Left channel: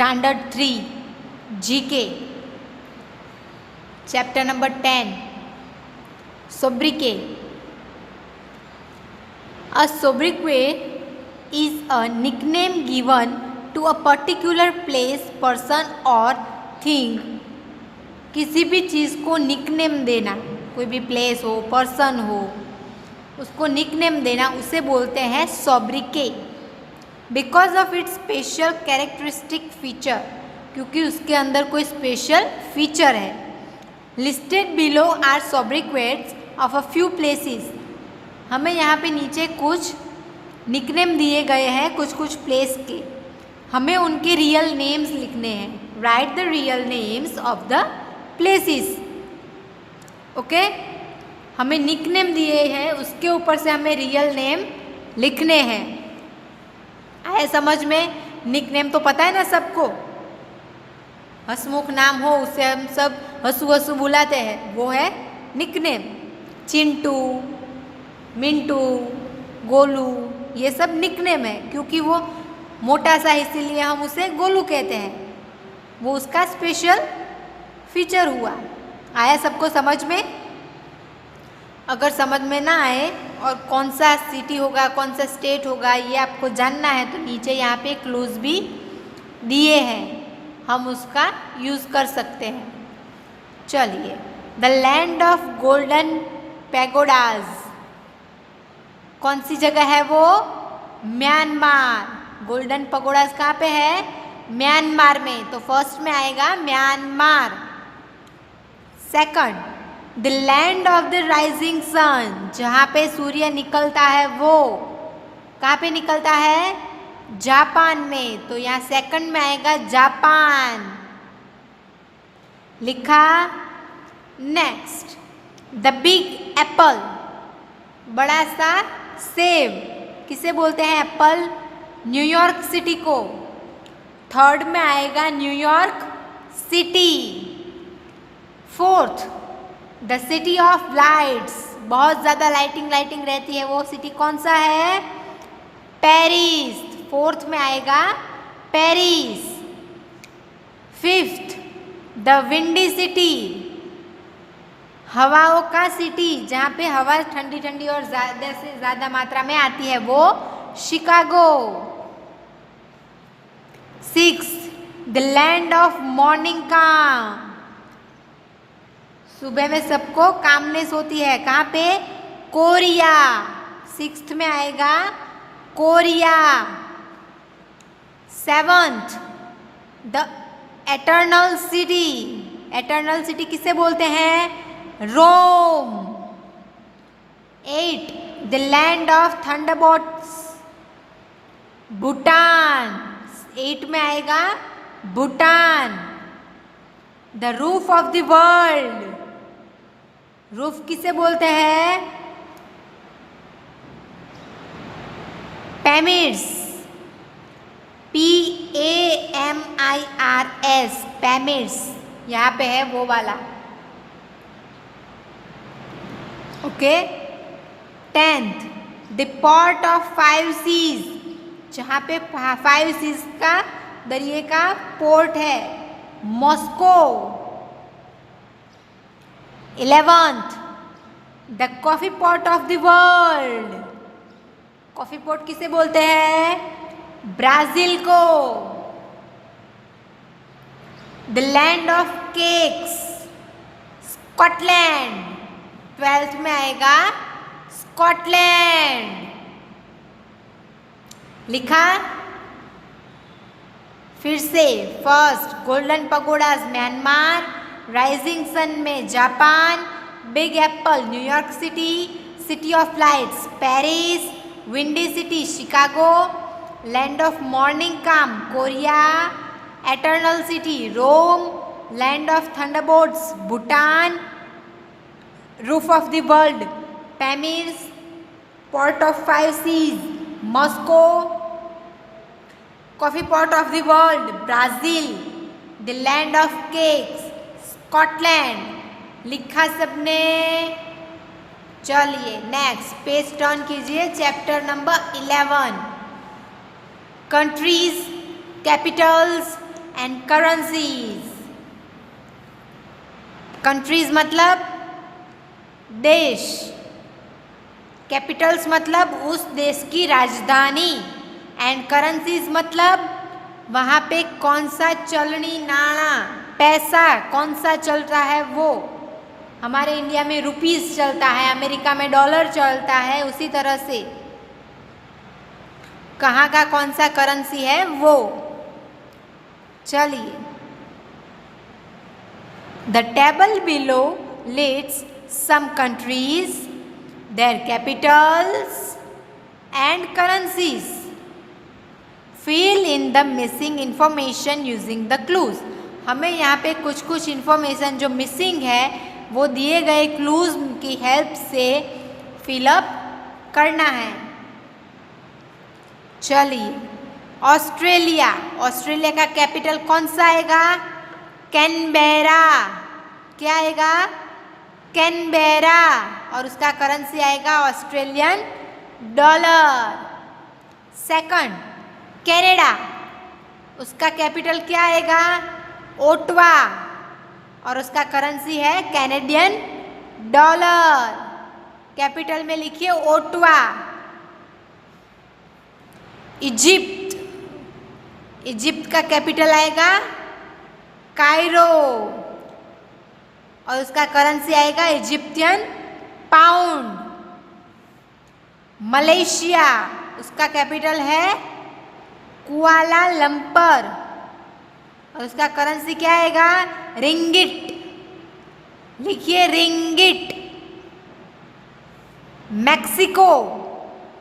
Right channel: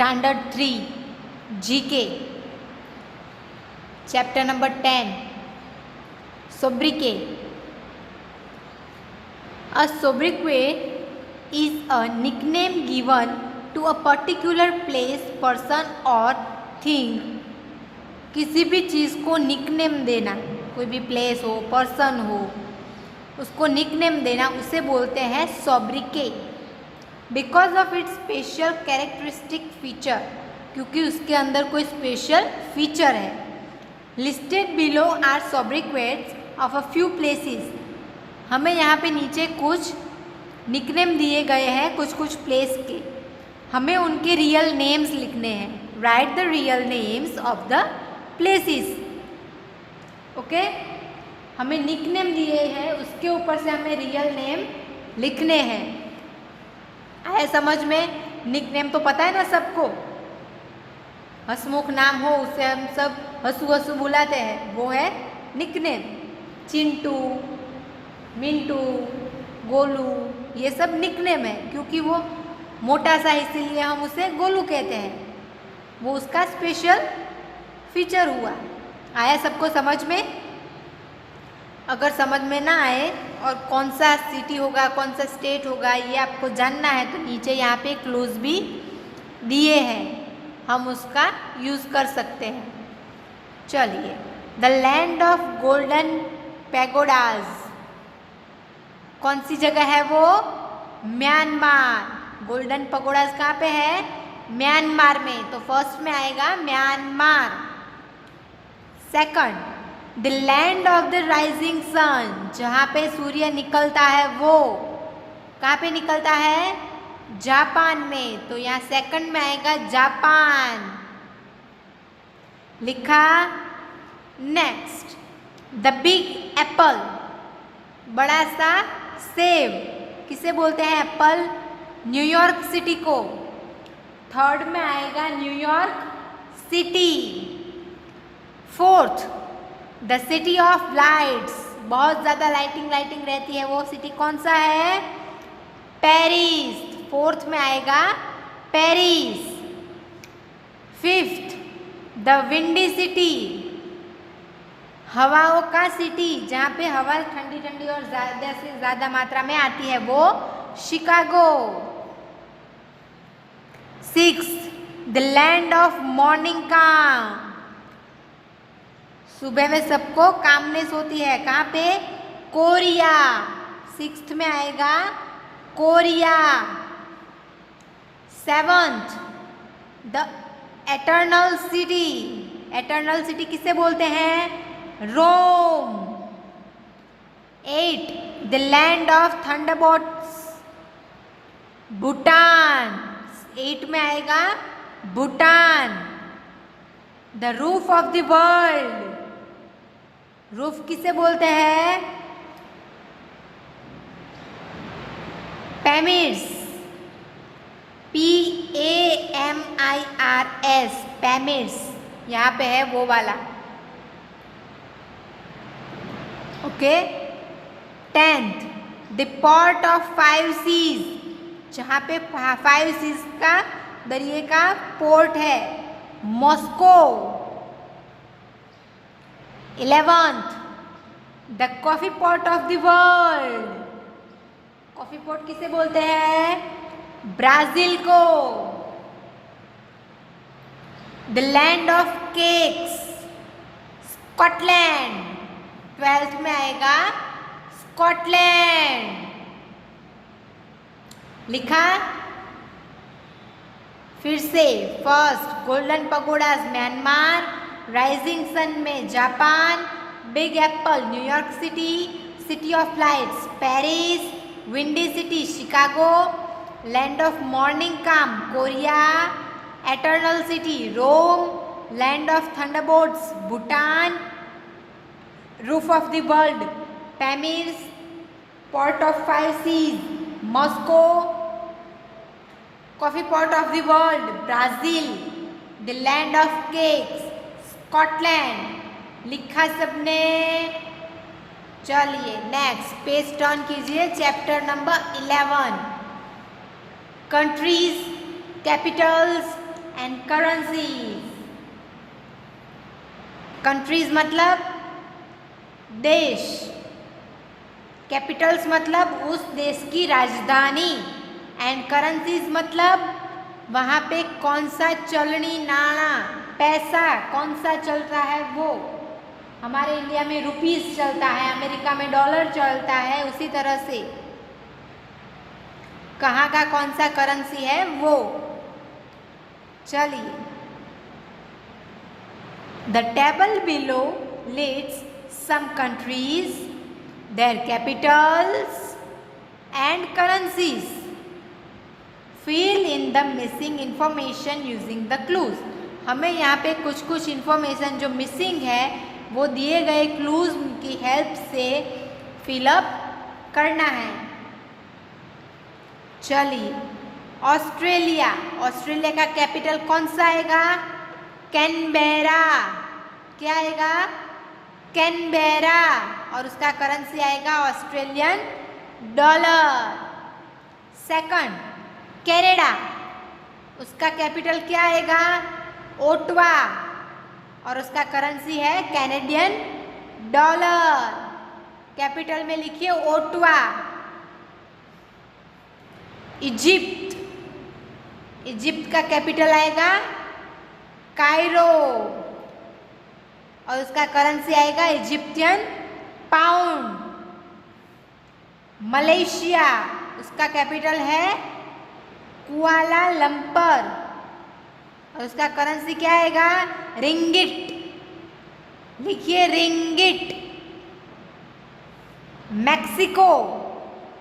Standard 3 GK Chapter number 10 Sobriquet. A sobriquet is a nickname given to a particular place, person or thing. किसी भी चीज़ को nickname देना, कोई भी place हो, पर्सन हो, उसको निकनेम देना, उसे बोलते हैं sobriquet. Because of its special characteristic feature, क्योंकि उसके अंदर कोई स्पेशल फीचर है. Listed below are sobriquets of a few places. हमें यहाँ पे नीचे कुछ निकनेम दिए गए हैं कुछ कुछ प्लेस के. हमें उनके रियल नेम्स लिखने हैं. Right the real names of the places. Okay, हमें निकनेम दिए हैं, उसके ऊपर से हमें रियल नेम लिखने हैं. आए समझ में? निकनेम तो पता है ना सबको. हंसमुख नाम हो उससे हम सब हंसू हंसू बुलाते हैं, वो है निकनेम. चिंटू, मिंटू, गोलू, ये सब निकनेम है, क्योंकि वो मोटा सा इसीलिए हम उसे गोलू कहते हैं. वो उसका स्पेशल फीचर हुआ. आया सबको समझ में? अगर समझ में ना आए और कौन सा सिटी होगा, कौन सा स्टेट होगा, ये आपको जानना है, तो नीचे यहाँ पे क्लोज भी दिए हैं, हम उसका यूज़ कर सकते हैं. चलिए, द लैंड ऑफ गोल्डन पैगोडाज. कौन सी जगह है वो? म्यांमार. गोल्डन पैगोडाज कहाँ पे है? म्यांमार में. तो फर्स्ट में आएगा Myanmar. Second, the land of the rising sun. जहाँ पे सूर्य निकलता है वो कहाँ पे निकलता है? जापान में. तो यहाँ सेकंड में आएगा जापान. लिखा. Next, the big Apple. बड़ा सा सेब. किसे बोलते हैं एप्पल? न्यूयॉर्क सिटी को. थर्ड में आएगा New York city. Fourth, the city of lights. बहुत ज़्यादा लाइटिंग रहती है, वो सिटी कौन सा है? पेरिस. फोर्थ में आएगा Paris. Fifth, the windy city. हवाओं का सिटी, जहाँ पे हवा ठंडी ठंडी और ज़्यादा से ज़्यादा मात्रा में आती है, वो Chicago. Six, the land of morning काम. सुबह में सबको कामनेस होती है. कहाँ पे? कोरिया. सिक्स्थ में आएगा Korea. Seventh, the eternal city. Eternal city किसे बोलते हैं? Rome. Eight, the land of thunderbolts. Bhutan. Eight में आएगा Bhutan. The roof of the world. Roof किसे बोलते हैं? पैमिड्स. PAMIRS. पैमिड्स. यहाँ पे है वो वाला. Okay. 10th, the port of 5 seas. जहाँ पे 5 सीज का दरिए का पोर्ट है, Moscow. 11th, the coffee pot of the world. Coffee pot किसे बोलते हैं? ब्राजील को. The land of cakes. Scotland. 12th में आएगा स्कॉटलैंड. लिखा. फिर से first, golden pagodas Myanmar, rising sun में Japan, big apple New York city, city of lights Paris, windy city Chicago, land of morning काम Korea, eternal city Rome, land of thunderbolts Bhutan, roof of the world Pamirs, port of 5 seas Moscow, coffee pot of the world Brazil, the land of cakes Scotland. लिखा सबने? चलिए next page turn कीजिए. Chapter number 11 countries, capitals and currencies. Countries मतलब देश, Capitals मतलब उस देश की राजधानी, एंड करेंसीज मतलब वहाँ पे कौन सा चलनी नाणा पैसा कौन सा चलता है वो। हमारे इंडिया में रुपीस चलता है, अमेरिका में डॉलर चलता है, उसी तरह से कहाँ का कौन सा करेंसी है वो। चलिए, the table below lists some countries, their capitals and currencies. Fill in the missing information using the clues. हमें यहाँ पे कुछ कुछ इन्फॉर्मेशन जो मिसिंग है वो दिए गए क्लूज की हेल्प से फिलअप करना है। चलिए, ऑस्ट्रेलिया, ऑस्ट्रेलिया का कैपिटल कौन सा आएगा? कैनबेरा। क्या आएगा? कैनबेरा। और उसका करेंसी आएगा ऑस्ट्रेलियन डॉलर। सेकंड, कनाडा, उसका कैपिटल क्या आएगा? ओटावा। और उसका करेंसी है कैनेडियन डॉलर। कैपिटल में लिखिए ओटावा। इजिप्ट, इजिप्ट का कैपिटल आएगा कायरो और उसका करेंसी आएगा इजिप्टियन पाउंड। मलेशिया, उसका कैपिटल है कुआलालंपुर और उसका करेंसी क्या आएगा? रिंगिट। लिखिए रिंगिट। मैक्सिको,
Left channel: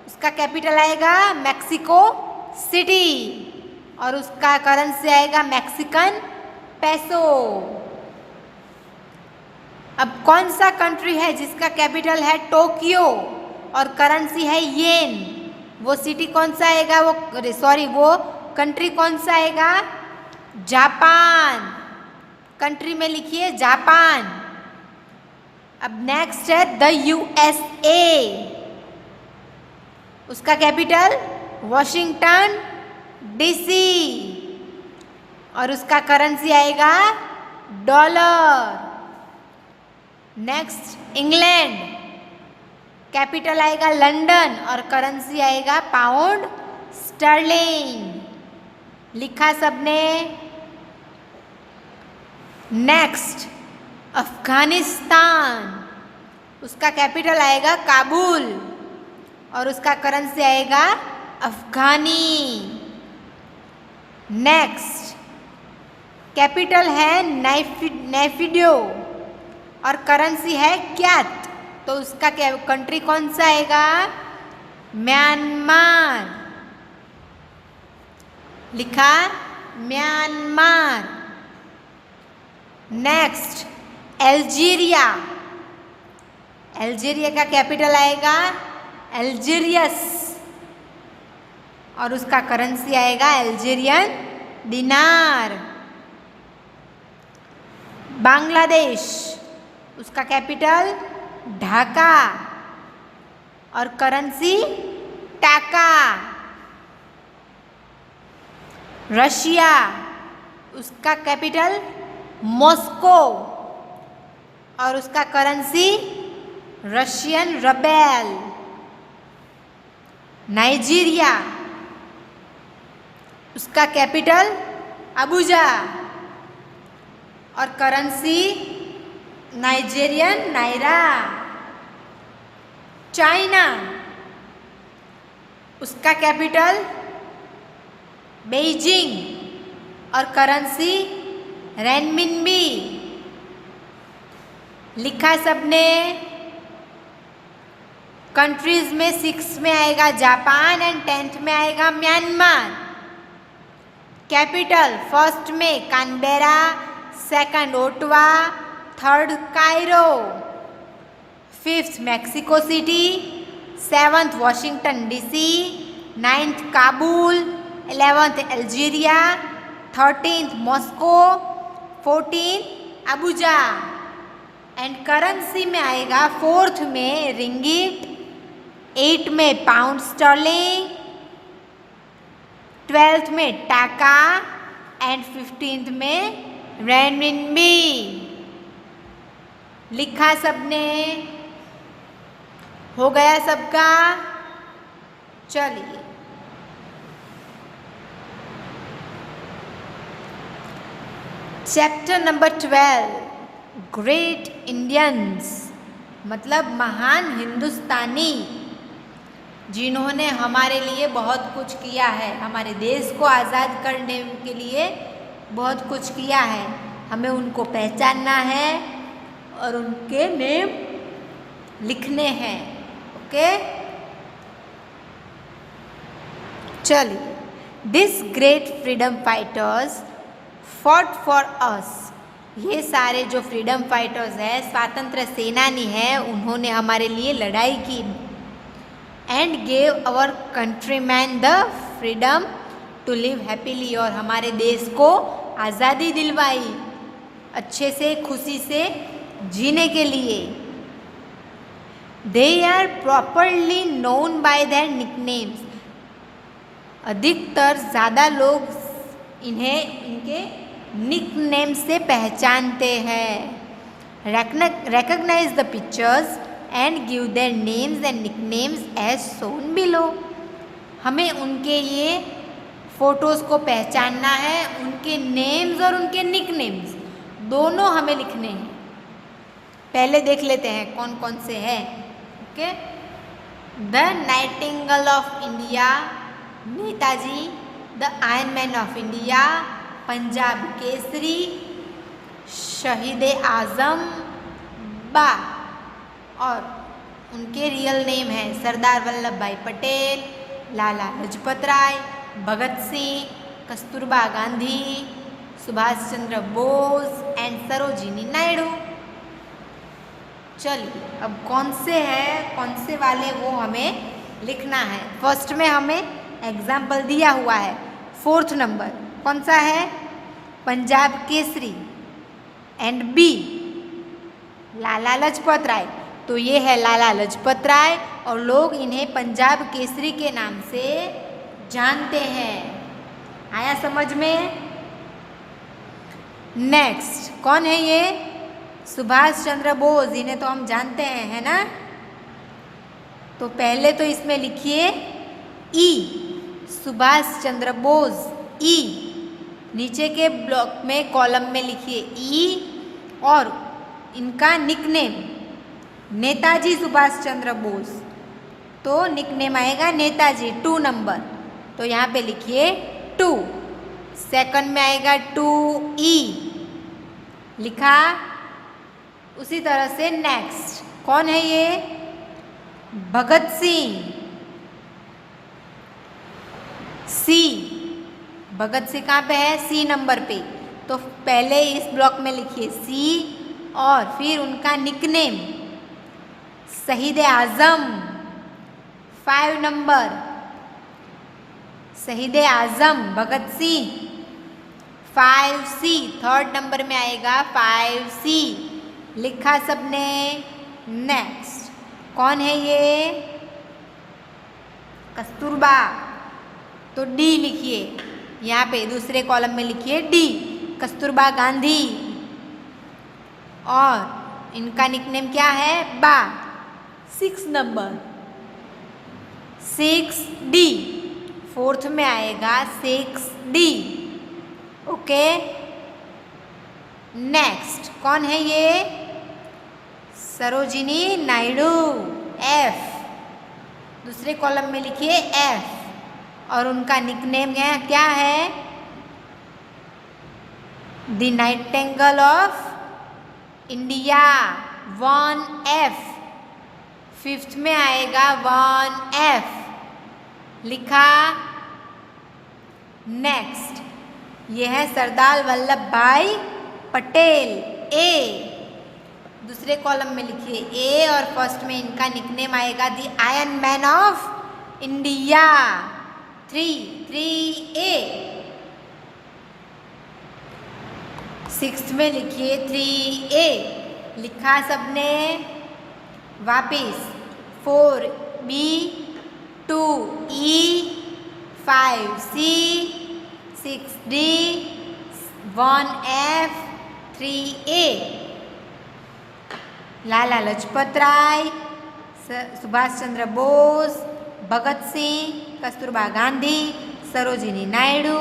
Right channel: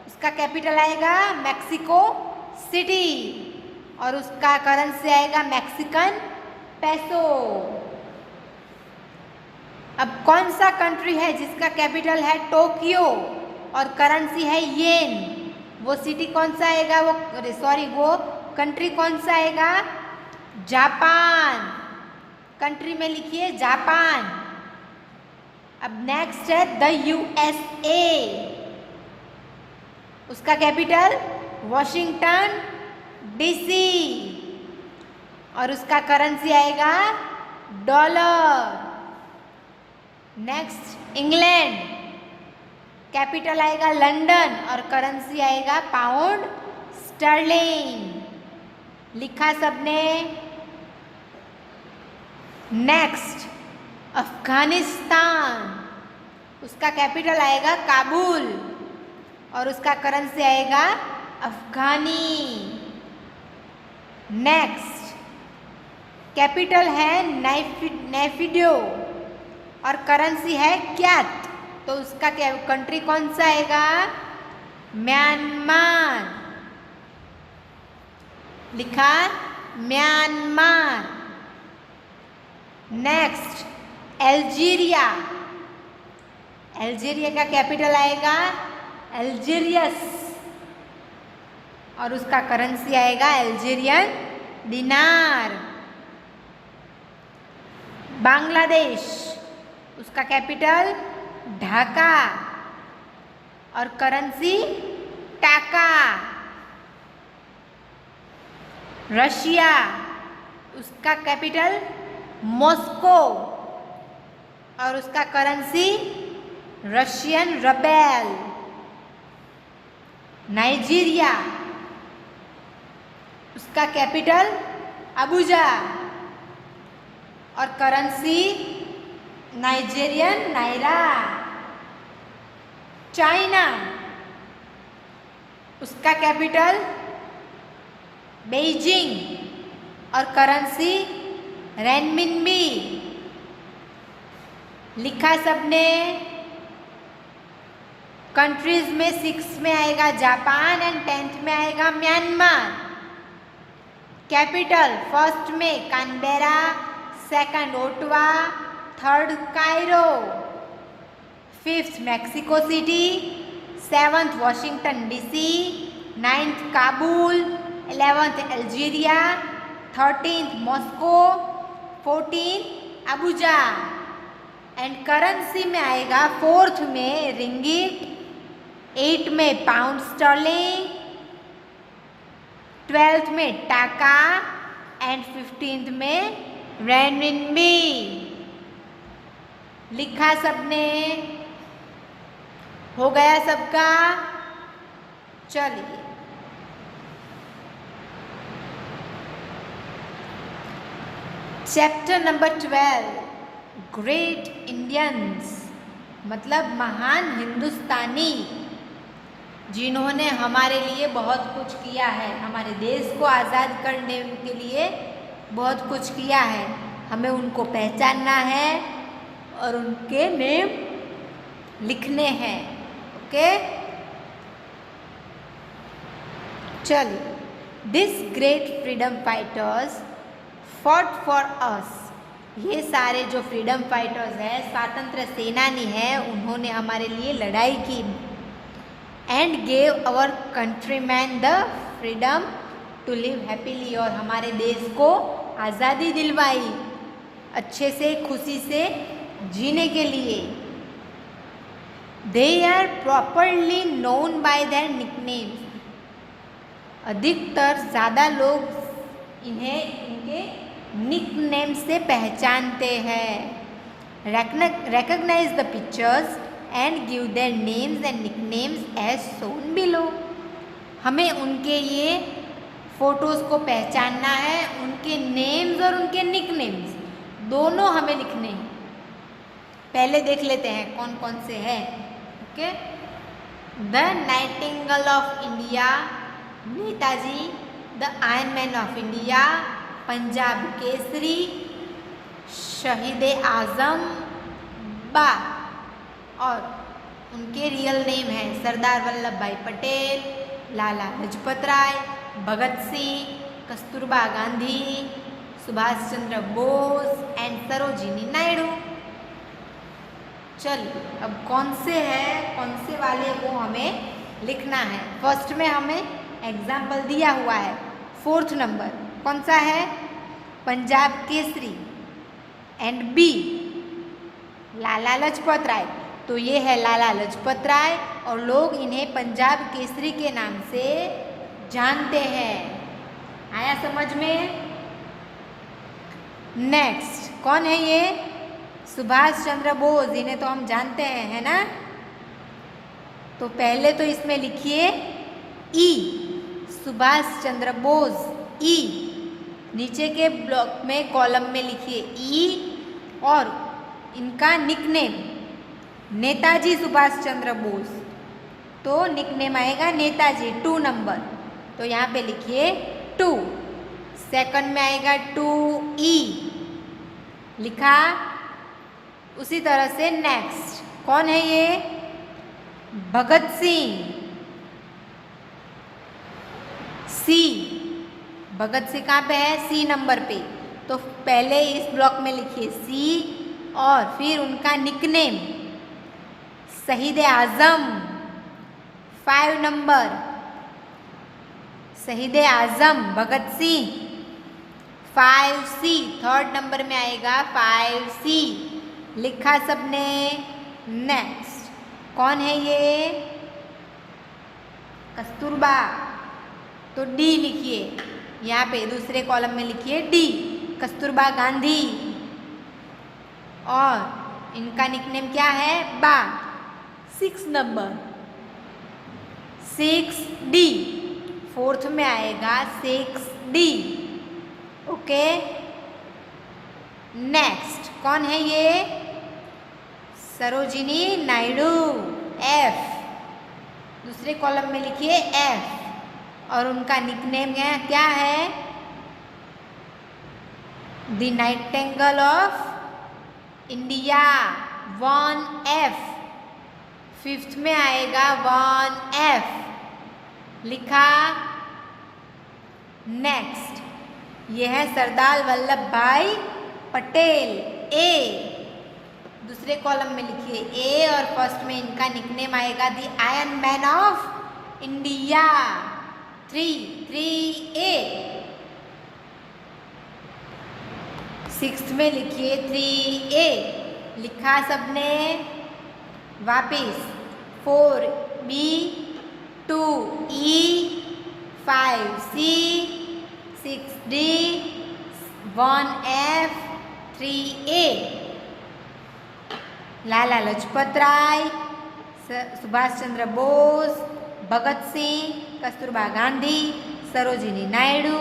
उसका कैपिटल आएगा मैक्सिको सिटी और उसका करेंसी आएगा मैक्सिकन पेसो। अब कौन सा कंट्री है जिसका कैपिटल है टोक्यो और करेंसी है येन? वो सिटी कौन सा आएगा? वो कंट्री कौन सा आएगा? जापान। कंट्री में लिखिए जापान। अब नेक्स्ट है द यूएसए, उसका कैपिटल वॉशिंगटन डीसी और उसका करेंसी आएगा डॉलर। नेक्स्ट इंग्लैंड, कैपिटल आएगा लंदन और करेंसी आएगा पाउंड स्टर्लिंग। लिखा सबने? नेक्स्ट अफगानिस्तान, उसका कैपिटल आएगा काबुल और उसका करेंसी आएगा अफगानी। नेक्स्ट कैपिटल है नेफिडो और करेंसी है क्यात, तो उसका कंट्री कौन सा आएगा? म्यांमार। लिखा म्यांमार। नेक्स्ट अल्जीरिया, अल्जीरिया का कैपिटल आएगा अल्जीरियस और उसका करेंसी आएगा अल्जीरियन दिनार। बांग्लादेश, उसका कैपिटल ढाका और करेंसी टाका। रशिया, उसका कैपिटल मॉस्को और उसका करेंसी रशियन रबेल। नाइजीरिया, उसका कैपिटल अबुजा और करेंसी नाइजेरियन नायरा। चाइना, उसका कैपिटल बेइजिंग और करेंसी रेनमिनबी। लिखा सबने? कंट्रीज में 6 में आएगा जापान एंड 10th में आएगा म्यांमार। कैपिटल फर्स्ट में Canberra, second Ottawa, third Cairo, 5th Mexico city, 7th Washington DC, 9th Kabul, 11th Algeria, 13th Moscow, 14th Abuja. And currency में आएगा 4th में रिंगिट, 8 में पाउंड स्टर्लिंग, 12th में टाका, and 15th में रेनमिनबी। लिखा सबने? हो गया सबका? चलिए चैप्टर नंबर 12 ग्रेट इंडियंस, मतलब महान हिंदुस्तानी जिन्होंने हमारे लिए बहुत कुछ किया है, हमारे देश को आज़ाद करने के लिए बहुत कुछ किया है। हमें उनको पहचानना है और उनके नेम लिखने हैं। ओके, चलिए। This great freedom fighters fought for us, ये सारे जो फ्रीडम फाइटर्स हैं, स्वातंत्र सेनानी हैं, उन्होंने हमारे लिए लड़ाई की। And gave our countryman the freedom to live happily, और हमारे देश को आज़ादी दिलवाई अच्छे से, खुशी से जीने के लिए। They are properly known by their nicknames, अधिकतर ज़्यादा लोग इन्हें इनके निकनेम से पहचानते हैं। recognize the pictures and give their names and nicknames as shown below, हमें उनके ये फोटोज़ को पहचानना है, उनके नेम्स और उनके निकनेम्स दोनों हमें लिखने हैं। पहले देख लेते हैं कौन कौन से हैं। Okay, the Nightingale of India Netaji, the iron man of India Punjab Kesari, शहीद आज़म बा, और उनके रियल नेम है सरदार वल्लभ भाई पटेल, लाला लाजपत राय, भगत सिंह, कस्तूरबा गांधी, सुभाष चंद्र बोस एंड सरोजिनी नायडू। चलिए अब कौन से हैं, कौन से वाले वो हमें लिखना है। फर्स्ट में हमें एग्जाम्पल दिया हुआ है, 4th नंबर कौन सा है? पंजाब केसरी एंड बी लाला लाजपत राय, तो ये है लाला लाजपत राय और लोग इन्हें पंजाब केसरी के नाम से जानते हैं। आया समझ में? नेक्स्ट कौन है ये? सुभाष चंद्र बोस, इन्हें तो हम जानते हैं, है ना? तो पहले तो इसमें लिखिए ई, सुभाष चंद्र बोस ई, नीचे के ब्लॉक में कॉलम में लिखिए ई, और इनका निकनेम नेताजी सुभाष चंद्र बोस, तो निकनेम आएगा नेताजी 2 नंबर, तो यहाँ पे लिखिए 2। सेकंड में आएगा 2E, लिखा। उसी तरह से नेक्स्ट कौन है ये? भगत सिंह, सी, भगत सिंह कहाँ पे है? सी नंबर पे, तो पहले इस ब्लॉक में लिखिए सी, और फिर उनका निकनेम शहीद आज़म 5 नंबर, शहीद आज़म Bhagat Singh 5C, 3rd number में आएगा 5C, लिखा सबने। नेक्स्ट कौन है ये? कस्तूरबा, तो डी लिखिए, यहाँ पे दूसरे कॉलम में लिखिए डी, कस्तूरबा गांधी, और इनका निकनेम क्या है? बा, 6 नंबर 6D, 4th में आएगा 6D। ओके, नेक्स्ट कौन है ये? सरोजिनी नायडू, F, दूसरे कॉलम में लिखिए F, और उनका निकनेम क्या है? The Nightingale of India 1F, 5th में आएगा 1F, लिखा। नेक्स्ट ये है सरदार वल्लभ भाई पटेल, A, दूसरे कॉलम में लिखिए A, और फर्स्ट में इनका निकनेम आएगा the iron man of India 3A। 6th में लिखिए 3A, लिखा सबने। वापिस 4B, 2E, 5C, 6D, 1F 3A लाला लाजपत राय, सुभाष चंद्र बोस, भगत सिंह, कस्तूरबा गांधी, सरोजिनी नायडू,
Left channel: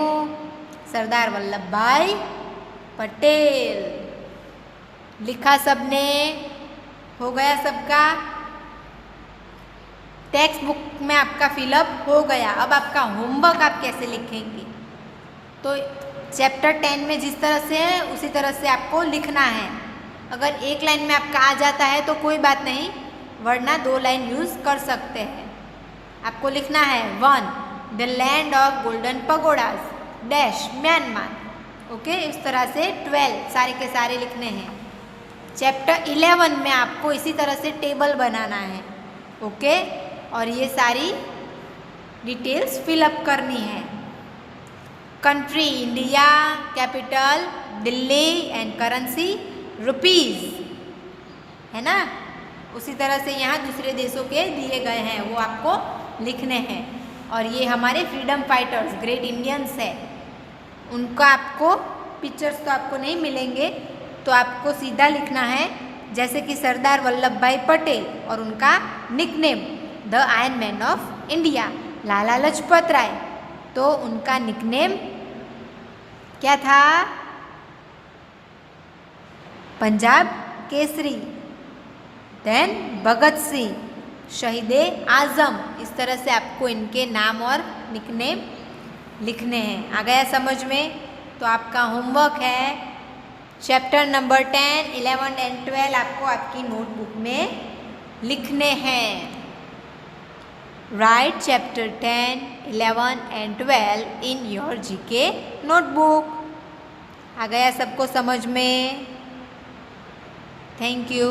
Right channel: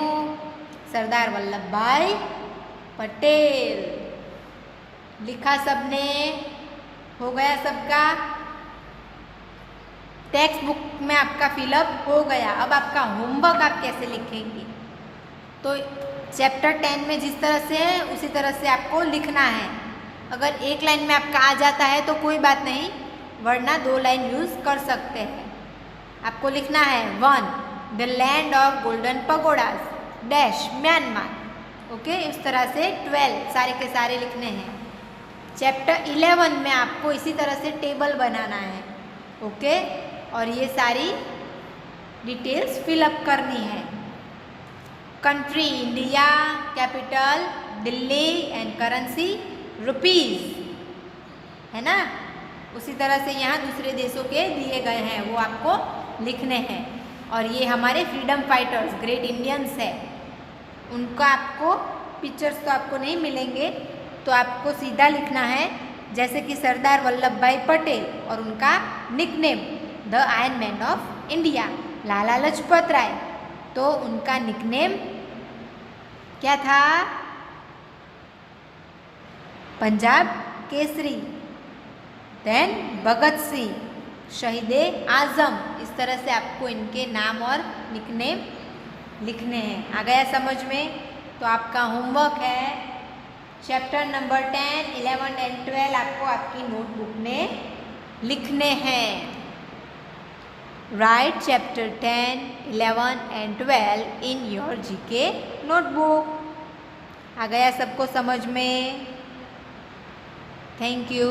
सरदार वल्लभ भाई पटेल। लिखा सबने? हो गया सबका? टेक्स्ट बुक में आपका फिलअप हो गया। अब आपका होमवर्क आप कैसे लिखेंगे? तो चैप्टर 10 में जिस तरह से है उसी तरह से आपको लिखना है। अगर एक लाइन में आपका आ जाता है तो कोई बात नहीं, वरना 2 लाइन यूज़ कर सकते हैं। आपको लिखना है 1 the land of golden pagodas dash Myanmar. Okay, इस तरह से 12 सारे के सारे लिखने हैं। चैप्टर 11 में आपको इसी तरह से टेबल बनाना है। ओके, और ये सारी डिटेल्स फिलअप करनी है। Country India, capital Delhi and currency rupees, है ना। उसी तरह से यहाँ दूसरे देशों के दिए गए हैं, वो आपको लिखने हैं। और ये हमारे फ्रीडम फाइटर्स ग्रेट इंडियंस है, उनका आपको पिक्चर्स तो आपको नहीं मिलेंगे, तो आपको सीधा लिखना है। जैसे कि सरदार वल्लभ भाई पटेल और उनका nickname the iron man of India Lala Lajpat Rai, तो उनका निकनेम क्या था? पंजाब केसरी। देन भगत सिंह शहीदे आज़म। इस तरह से आपको इनके नाम और निकनेम लिखने हैं। आ गया समझ में? तो आपका होमवर्क है चैप्टर नंबर 10, 11 एंड 12 आपको आपकी नोटबुक में लिखने हैं। Write chapter 10, 11 and 12 in your GK notebook. आ गया सबको समझ में? Thank you.